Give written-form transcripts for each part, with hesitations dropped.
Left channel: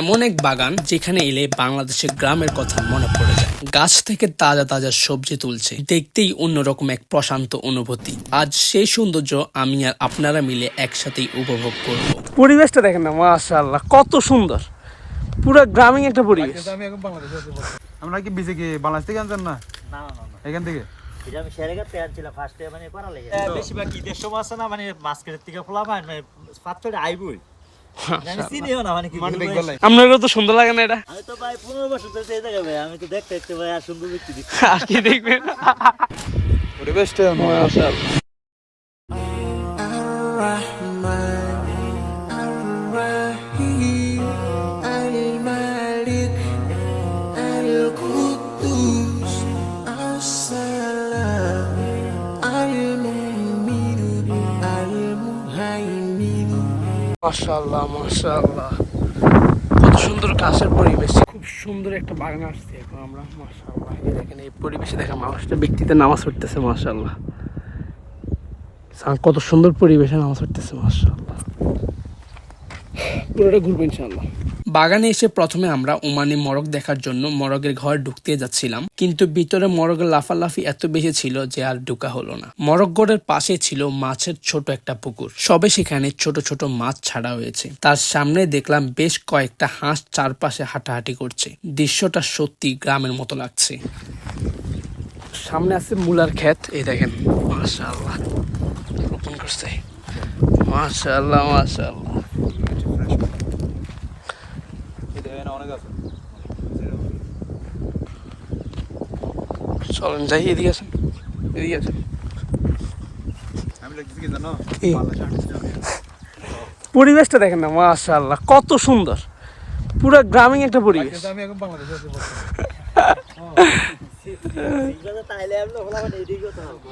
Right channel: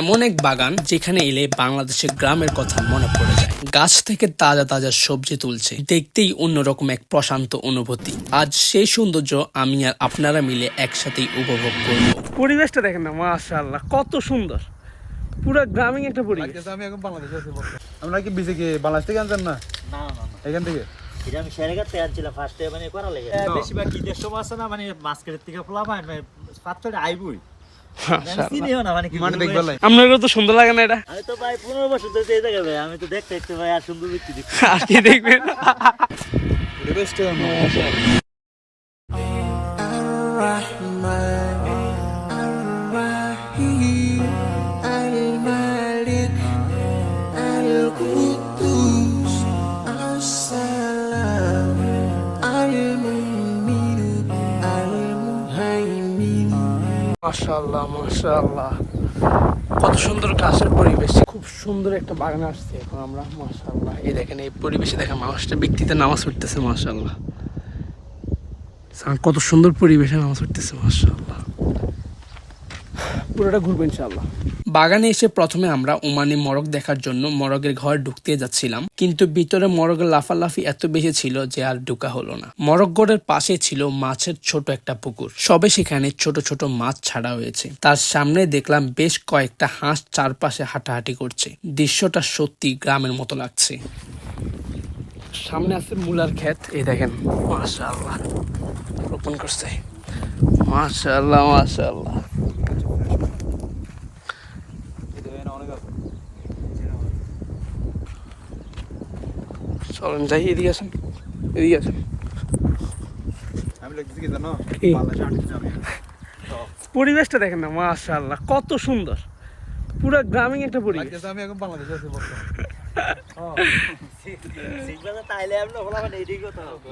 এমন এক বাগান যেখানে এলে বাংলাদেশের গ্রামের কথা মনে পড়ে যায়। গাছ থেকে তাজা তাজা সবজি তুলছে, দেখতেই অন্যরকম এক প্রশান্ত অনুভূতি। আজ সেই সৌন্দর্য আমি আর আপনারা মিলে একসাথেই উপভোগ করব। পরিবেশটা দেখেন না, মাশাআল্লাহ কত সুন্দর, পুরো গ্রামীণ একটা পরিবেশ। আমি এখন বাংলাদেশে আছি। আমরা কি বিসে কি বাংলাদেশ থেকে আনছেন না? না না না, এখান থেকে এটা আমি শেয়ারগাতে আনছিলাম ফার্স্টে, মানে করা লাগে বেশিরভাগ ঈদের সময় আছে না, মানে মাস্কের থেকে ফলা পায় মানে পাঁচটা আইবই আমি চিনিও না, মানে কি আপনারও তো সুন্দর লাগে না এটা? আমি তো ভাই 15 বছর ধরে এই জায়গায় ভাই, আমি তো দেখতে দেখতে ভাই আর সুন্দর দেখতে দেখতে আর কি দেখবেন পরিবেশটা মাশাআল্লাহ। মাশাআল্লাহ মাশাআল্লাহ, কত সুন্দর গাছের পরিবেশ, খুব সুন্দর একটা বাগান আসছে এখন আমরা। মাশাআল্লাহ, এই দেখেন এই পরিবেশে দেখেন মানুষটা ব্যক্তিতে নামাজ পড়তেছে। মাশাআল্লাহ, কত সুন্দর পরিবেশে নামাজ পড়তেছে। মাশাআল্লাহ, পুরোটা ঘুরবো ইনশাআল্লাহ। বাগানে এসে প্রথমে আমরা ওমানি মরগ দেখার জন্য মরগের ঘর ঢুকতে যাচ্ছিলাম, কিন্তু ভিতরে মরগের লাফালাফি এত বেশি ছিল যে আর ঢুকা হলো না। মরগ ঘরের পাশে ছিল মাছের ছোট একটা পুকুর, সবে সেখানে ছোট ছোট মাছ ছাড়া হয়েছে। তার সামনে দেখলাম বেশ কয়েকটা হাঁস চারপাশে হাঁটাহাঁটি করছে। দৃশ্যটা সত্যি গ্রামের মতো লাগছে। সামনে আছে মূলার ক্ষেত, এই দেখেন মাশাআল্লাহ রোপণ করছে। মাশাআল্লাহ মাশাআল্লাহ, চলেন যাই, এদিকে আসেন, এদিকে আসেন। আমি লাগতেছি কি জানো, পরিবেশটা দেখেন না, মাশাআল্লাহ কত সুন্দর, পুরো গ্রামীণ একটা পরিবেশ। আমি এখন বাংলাদেশে আছি বর্তমানে। সিগনালে তাইলে আমরা বলবেন এইদিকে কথা হবে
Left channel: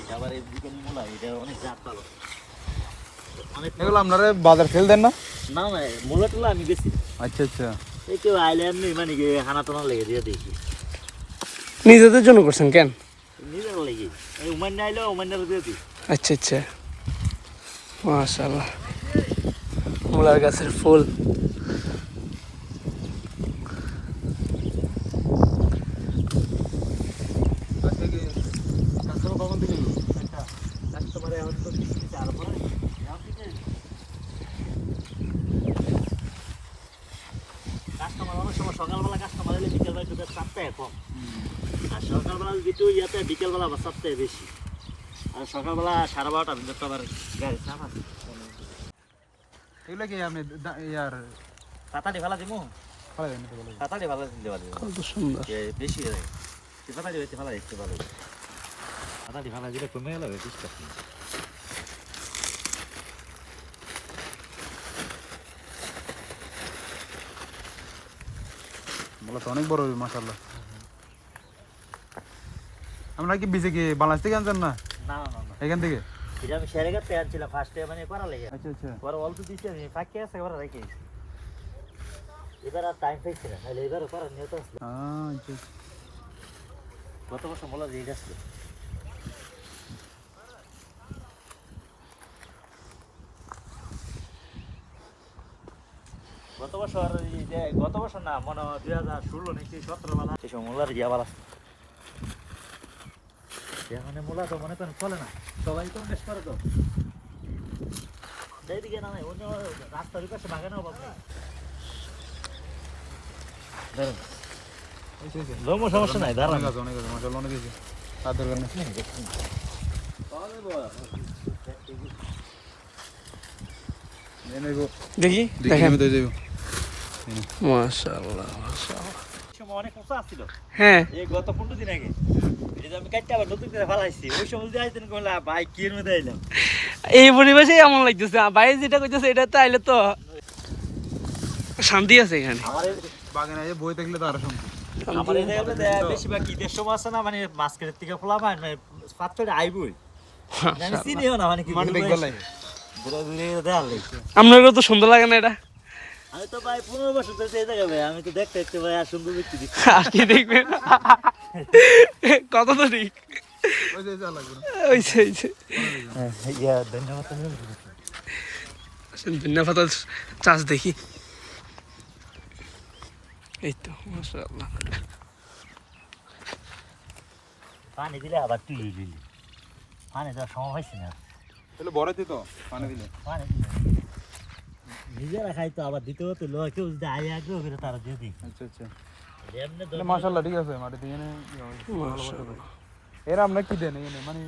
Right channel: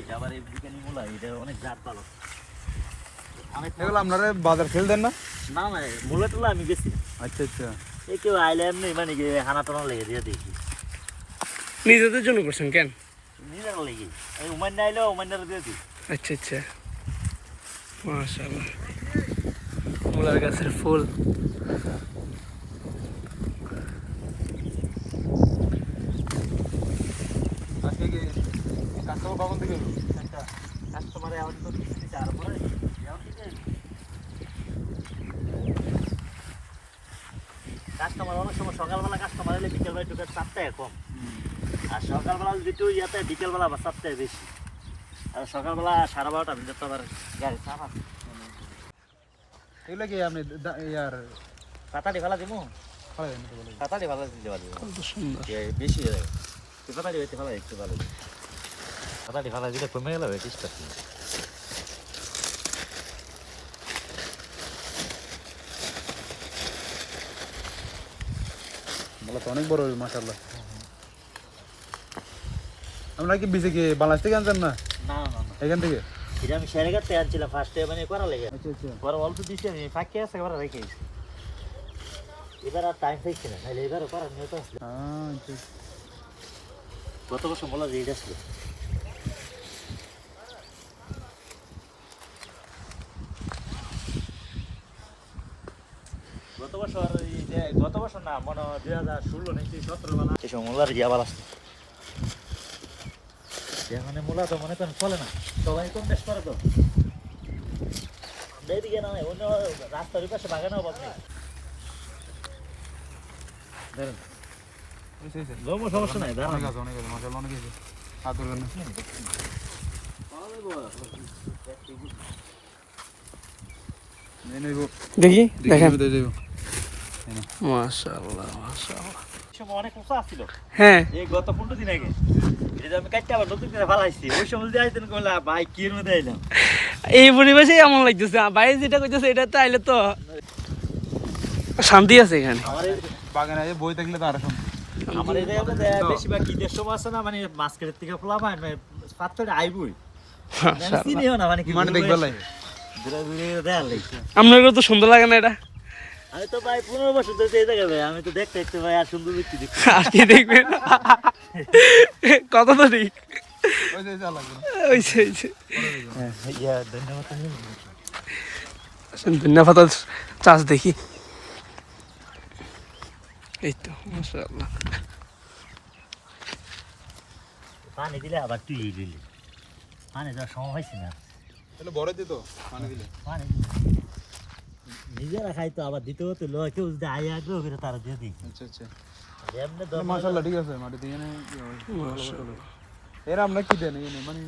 এটা আবার এই বিকেনি মোলা, এটা অনেক জাত ভালো। আমি এগুলো আপনারা বাজার ফেল দেন না? না না, মোলা টোলা আমি বেশি আচ্ছা আচ্ছা, এই কেউ আইলে এমনি মানে কি হানা টানা লেগে দিয়ে দেখি নিজেদের জন্য করছেন কেন? নিজের লেগে আমি উমান না আইলে উমান্নার দিয়ে দিই। আচ্ছা আচ্ছা, মাশাআল্লাহ মূলার গাছের ফুল। কাস্টমার কখন থেকে এলো? কাস্টমারে এখন তো কিছু কিছু আর পরে কাস্টমার অনেক সময় সকালবেলা কাস্টমার এলে বিকেলবেলা ঢুকে 4টায় কম, আর সকালবেলা যেটু ইয়াতে বিকেলবেলা আবার 4টায় বেশি, আর সকালবেলা 12:30 পর্যন্ত আবার গাড়ি চাপ আছে। এগুলো কি আমি ইয়ার পাতাটি ভালো দেবো, পাতাটি ভালো দিতে পারি, কত সুন্দর বেশি হয়ে যায় পাতাটি হইতে ভালো দেখতে ভালো, পাতাটি ভালো দিলে কমে গেল চেষ্টা। বলা তো অনেক বড় মাশাআল্লাহ। আমরা কি বিসে কি বাংলাদেশ থেকে আনছেন না? না না না, এখান থেকে এটা আমি শেয়ারগাতে আনছিলাম ফার্স্টে, মানে করা লাগে আচ্ছা আচ্ছা, বড় অল্প দিছি আমি ফাঁকি আছে এবার রেখে দিছি, এবার আর টাইম পাইছি না, নাহলে এবারও করার নিয়ত আসলো। গত বছর বলা রেট আসলো, গত বছর না মনে হয় 2016 নাকি 17 বেলা এই সময় মোলার গিয়া বালা আসতো, মানে মোলা তো মনে তো চলে না, সবাই কম বেশ করে তো এইদিকে না, অন্য রাস্তার পাশে বাগানে অভাব নেই। ধরুন সমস্যা নাই, দাঁড়ান অনেক আছে মাশাআল্লাহ, অনেক আছে আর দরকার নেই। দেখি দেখেন, দেখেন মাশাআল্লাহ মাশাআল্লাহ। অনেক উঁচা আসছিল, হ্যাঁ এই গত 15 দিন আগে এই যে আমি কাটতে আবার নতুন করে ফালাইছি, ওই সময় দিয়ে আইতেন কইলা ভাই কি এর মধ্যে আইলাম, এই পরিবেশে এমন লাগতেছে। বাইরে যেটা কইতেছে এটা তো আইলে তো শান্তি আছে এখানে। আমার এই বাগানে আগে বই দেখলে তো আরো শান্তি। আমার এই জায়গাতে বেশিরভাগ ঈদের সময় আছে না, মানে মাস্কের থেকে ফলা পায় মানে পাঁচটা আইবই আমি চিনিও না, মানে কি মানে দেখবে লাগে ঘুরে ঘুরে দেয়া লাগছে। আপনারও তো সুন্দর লাগে না এটা? আমি তো ভাই 15 বছর ধরে এই জায়গায় ভাই, আমি তো দেখতে দেখতে ভাই আর সুন্দর দেখতে দেখতে আর কি দেখবেন, কত তো ঠিক ওই যে যা লাগবে ওইছে ওইছে। ধনিয়া পাতার চাষ দেখি। এই তো মাশাআল্লাহ। পানি দিলে আবার তুই দিলি, পানি দেওয়ার সময় হয়েছে না, তাহলে বড় দিত পানি দিলে। পানি দিলে নিজেরা খাইতো, আবার দিতেও তো লোক কেউ যদি আয় আগ্রহ করে তারা দিয়ে দিই। আচ্ছা আচ্ছা এমনি মাশাআল্লাহ ঠিক আছে মাটি দিয়ে মাশাআল্লাহ। এর আমরা কি দেন মানে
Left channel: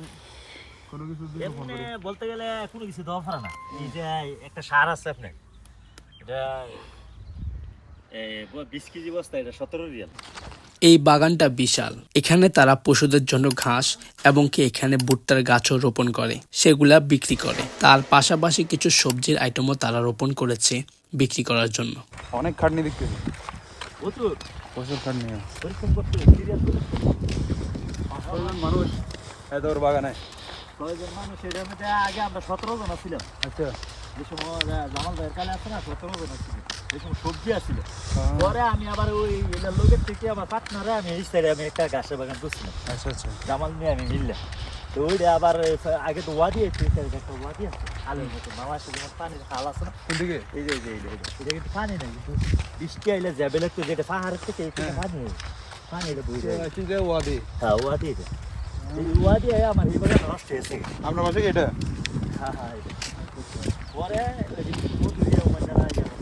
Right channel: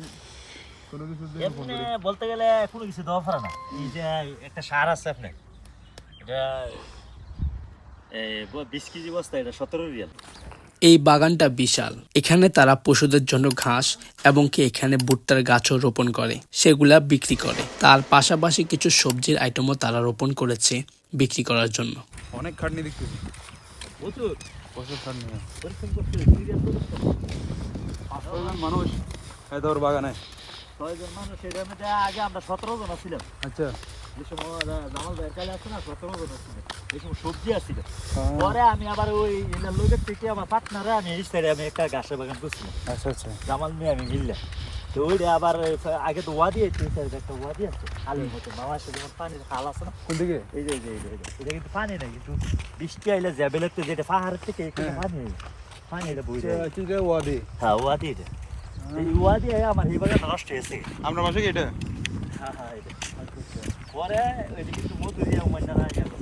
কোনো কিছু দিয়ে ফোন এমনি করি বলতে গেলে কোনো কিছু দেওয়া পারে না। এই যে একটা সার আছে আপনার, এটা 20 কেজি বস্তা, এটা 17 রিয়াল। এই বাগানটা বিশাল। এখানে তারা পশুদের জন্য ঘাস এবং কি এখানে ভুট্টার গাছও রোপণ করে, সেগুলা বিক্রি করে। তার পাশাপাশি কিছু সবজির আইটেমও তারা রোপণ করেছে বিক্রি করার জন্য। অনেক খাটনি দেখতে প্রচুর প্রচুর খাটনি পরিশ্রম করতে সিরিয়াস পরিশ্রম। 500 মানুষ এত বড় বাগানে। 6 জন মানুষ, এটার মধ্যে আগে আমরা 17 জন ছিলাম। আচ্ছা যে সময় জামাল ভাইয়ের কালে আছে না, 17 জন ছিল। এই সময় সবজি আসছিল। পরে আমি আবার ওই এলার লোকের থেকে আবার পার্টনারে আমি এই সাইডে আমি একটা গাছের বাগান করছিলাম। আচ্ছা আচ্ছা জামাল নিয়ে আমি মিললাম। তো ওইটা আবার আগে তো ওয়াদি আছে, একটা ওয়াদি আছে আলোর মতো বাংলাদেশে যেমন পানির খাল আছে না, কোন দিকে এই যে এটা কিন্তু পানি নেই, কিন্তু বৃষ্টি আইলে যাবে লাগতো, যেটা পাহাড়ের থেকে এখানে পানি নেই, পানিটা বই যায়। কি রে ওয়াদি হ্যাঁ ওয়াদি এটা, এই ওয়াদি আমার এই বাগান নষ্ট হয়েছে। আমরা বাসা কি এটা হ্যাঁ হ্যাঁ এটা পরে ওইটা কিন্তু মধু দিয়ে ওমান্ডারা যাবে।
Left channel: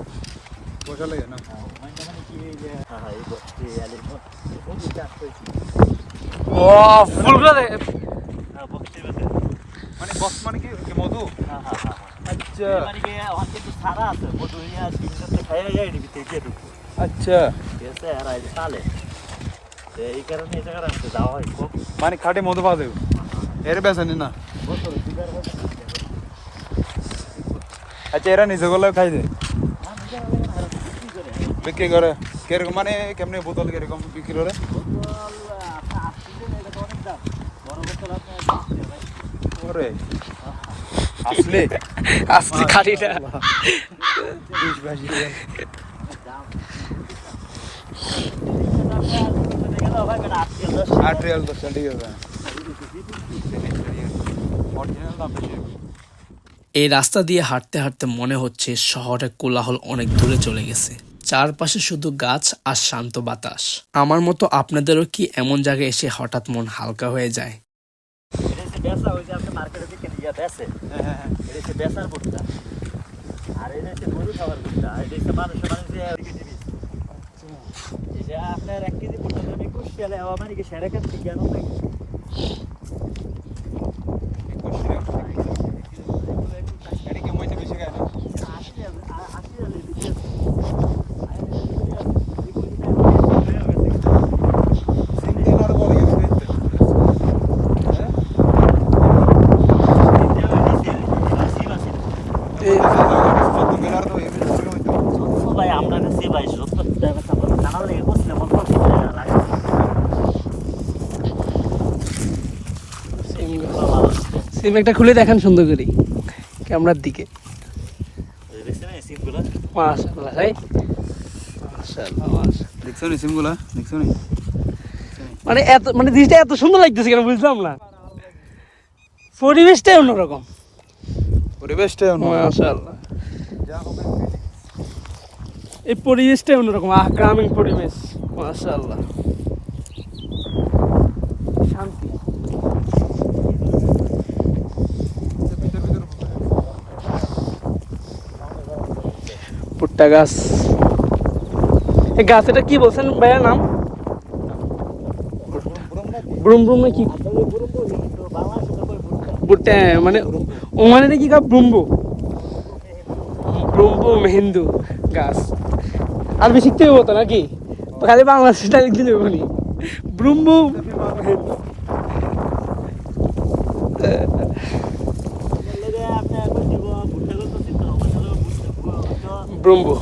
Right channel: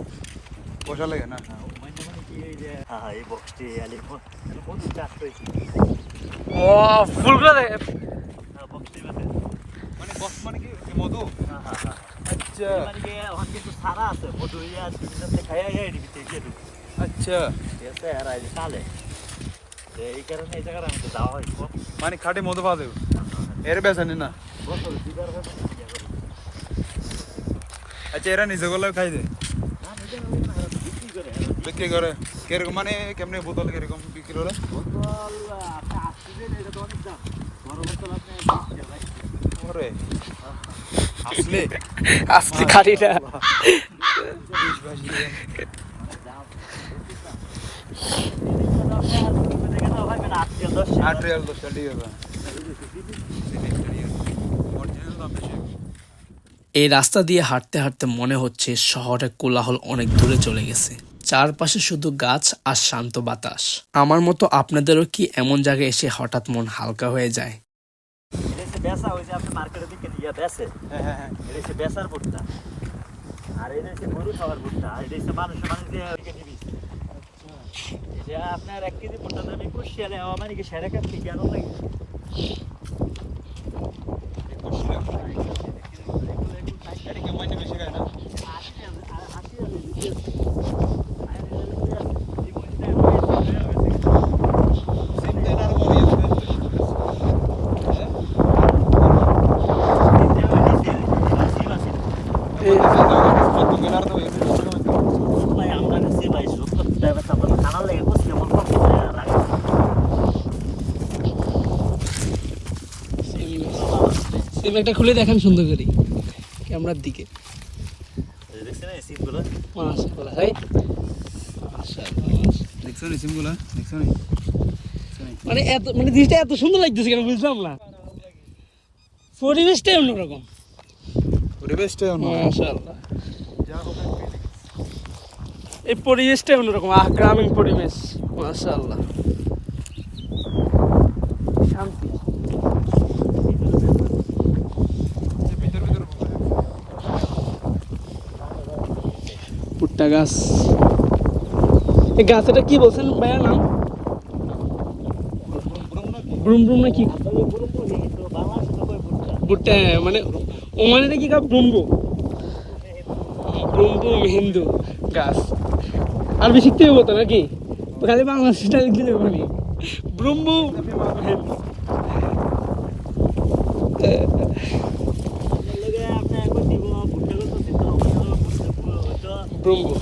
ওটা লাগে না হ্যাঁ ওমান্ডা মানে কি এই যে হ্যাঁ হ্যাঁ এই বক্সটি আলে মধু চাষ হয়েছে। ও ফুলগুলো হ্যাঁ বক্সটি মানে বক্স মানে কি মধু হ্যাঁ হ্যাঁ আচ্ছা মানে কি ওখান থেকে সারা আছে মধু ইয়া দিনতে খাইয়ে যায় দিতে দিয়ে দিতে আচ্ছা এসে আর এই সালে এই কারণে এই জায়গাটা আমি যাওয়া হয় খুব মানে খাটে মধু পাওয়া যাবে এর বেসনি না বছরে দুবার হবে না। আচ্ছা এরা নিজে গলায় খাই দেয় হ্যাঁ নিজের লাগে না আর বিক্রি করে বিক্রি করে কিরকম মানে কেমনি বোতল কিরকম বিক্রি করে বোতল আপনি আসছিলেন, এটা তো অনেক দাম। বড় বোতল আপনার ওরে আসলে আসছে খালিটা। দাম গেল আর রিয়াল 10 টাকা দিয়ে হবে অরিজিনাল দাম বেশি এই রাস্তা দিয়ে হাঁটতে হাঁটতে মনে হচ্ছে শহরের কোলাহল অনেক দূরে চলে গেছে। চারপাশে শুধু গাছ আর শান্ত বাতাস। আমার মতো আপনাদেরও কি এমন জায়গায় এসে হঠাৎ মন হালকা হয়ে যায়? এটা হচ্ছে বেচা, ওই যে আপনি মার্কেটে বিকেন ইয়া বেচে, এটা হচ্ছে বেচার ভুট্টা, আর এটা হচ্ছে গরু খাবার ভুট্টা, আর এটা হচ্ছে মানুষের মানে যে এদিকে নিবি। এটা আপনার 1 কেজি ভুট্টা দাম 21 রিয়ালে, মানে কি সেরে কাছ থেকে আনো লাগে। বেশি খায় না 80 রিয়ালে বিক্রি হচ্ছে। আর এটা হচ্ছে জীবনীটা হয়ে সিম দেনার পর ইয়ে হয়ে কত গেলার তো এই ভাই আমরা কাছে ভাই সত্তর টাকা আপনাদের খানা লেগে বসলে মত লাগে। সিম একটা খুলে দেখান সুন্দর করে ক্যামেরার দিকে। দেখছেন এই সিমগুলো মাশাআল্লাহ ভাই, মাশাআল্লাহ মাশাআল্লাহ। দেখছো নি সিমগুলা দেখছো নি মানে এত মানে জিনিসটা এত সুন্দর লাগতেছে কেন বুঝলাম না। পরিবেশটাই অন্যরকম। পরিবেশটা মাশাআল্লাহ, যা হবে এই পরিবেশটাই অন্যরকম। গ্রামীণ পরিবেশ, মাশাআল্লাহ, শান্তি। ভিতর ভিতর ভুট্টা গাছ, এই গাছ এটা কি বলছেন ভাইয়ার নাম? ব্রুম ব্রুম না কি ভুট্টা মানে ওমানে কি গাছ? ব্রুম্বু ব্রুম্বু মেহিন্দু গাছ। আর বেশি শিখতে হবো তো নাকি? খালি বাংলাদেশটা লিখতে দেবো নি ব্রুম্বু মেহিন্দু। ব্রুম্বু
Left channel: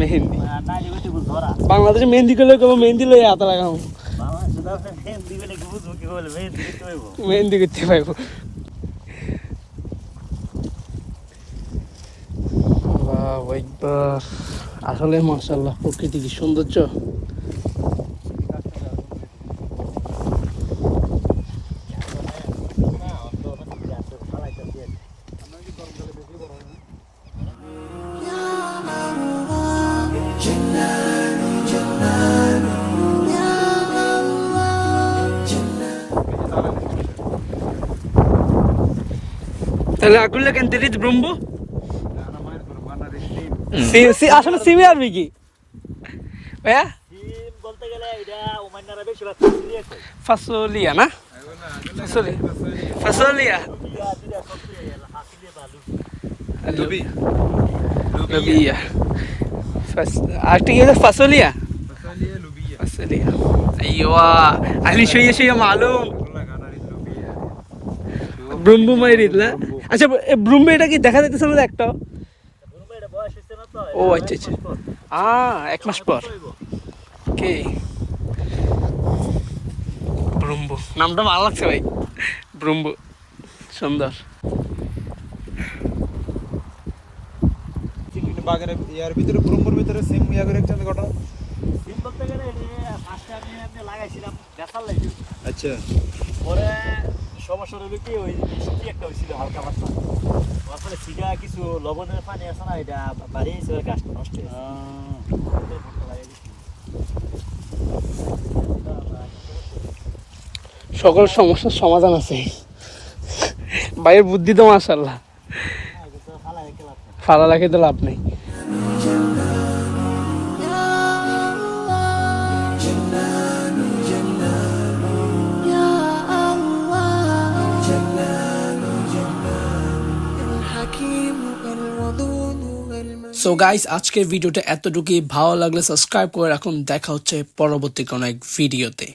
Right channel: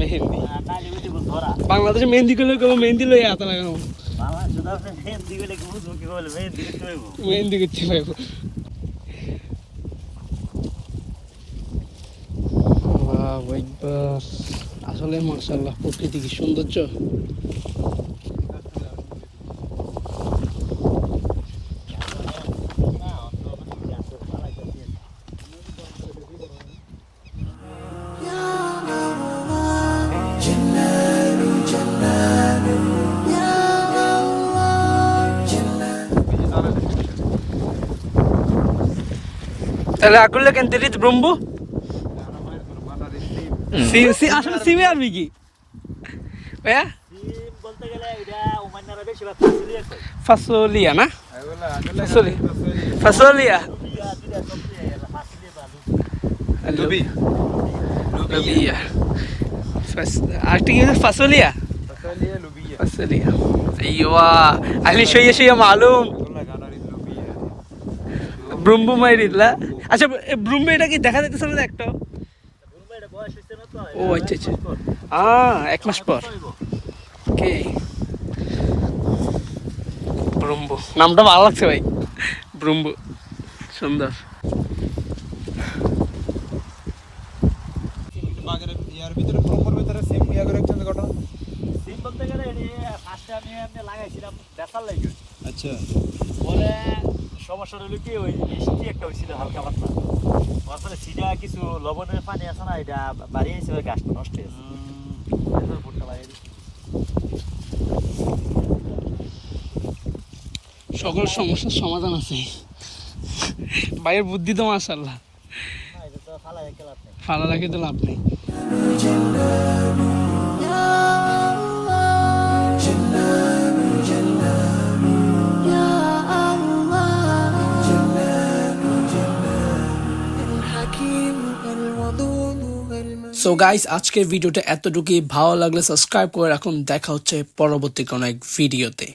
মেহেন্দি। বাংলাদেশে মেহেন্দি করলে কেবল মেহেন্দি লই হাতে লাগাবো, মেহেন্দি করতে পারবো। আসলে মাশাআল্লাহ প্রকৃতি কি সৌন্দর্য। তাহলে আকুল্লা কেন তেরিজ ব্রহ্ম আসলে সিমি আরবি কি ভাইয়া ডিম বলতে গেলে এটা ওমান্নারা বেশিরভাগ ফাসিলিয়া খায়। ফাসলিয়া না ফাসলিয়া ফাসিলিয়া বা লুবি লুবিয়া আর ঠিক আছে ফাসলিয়া ফাসালিয়া লুবিয়া ফাসলিয়া আইওয়া আহলি শুয়ে শুয়ে মালুম এগুলা গানার লুবিয়া ব্রহ্ম মাইরিদলা আচ্ছা ব্রহ্ম এটা কি দেখা যাইতেছে না একটা ব্রহ্ম এটা বয়স হচ্ছে না তো। ও আচ্ছা আচ্ছা এক মাস পর কে ব্রহ্ম নামটা ভালো লাগছে ভাই ব্রহ্ম সুন্দর বাগানে ইয়ার ভিতরে ব্রহ্মর ভিতরে সিম ইয়া করে একজন ঘটনা। ডিম বলতে গেলে এটা ফার্স্টে আমি এমনি লাগাইছিলাম বেচার লাগে। আচ্ছা পরে সমস্যা হলো কি ওই বৃষ্টি একটা হয়েছিল হালকা মাত্রা, ওর ফলে সিডা কিছু লবণের পানি আছে না, এটা বাড়িয়েছে ওর গাছটা নষ্ট হয়ে সকল সমস্যার সমাধান আছে ভাইয়ের বুদ্ধি তো মাশাআল্লাহ ফালা রাখে তো লাভ নাই সো গাইস আজকের ভিডিওটা এতটুকুই, ভালো লাগলে সাবস্ক্রাইব করে রাখুন। দেখা হচ্ছে পরবর্তী কোনো এক ভিডিওতে।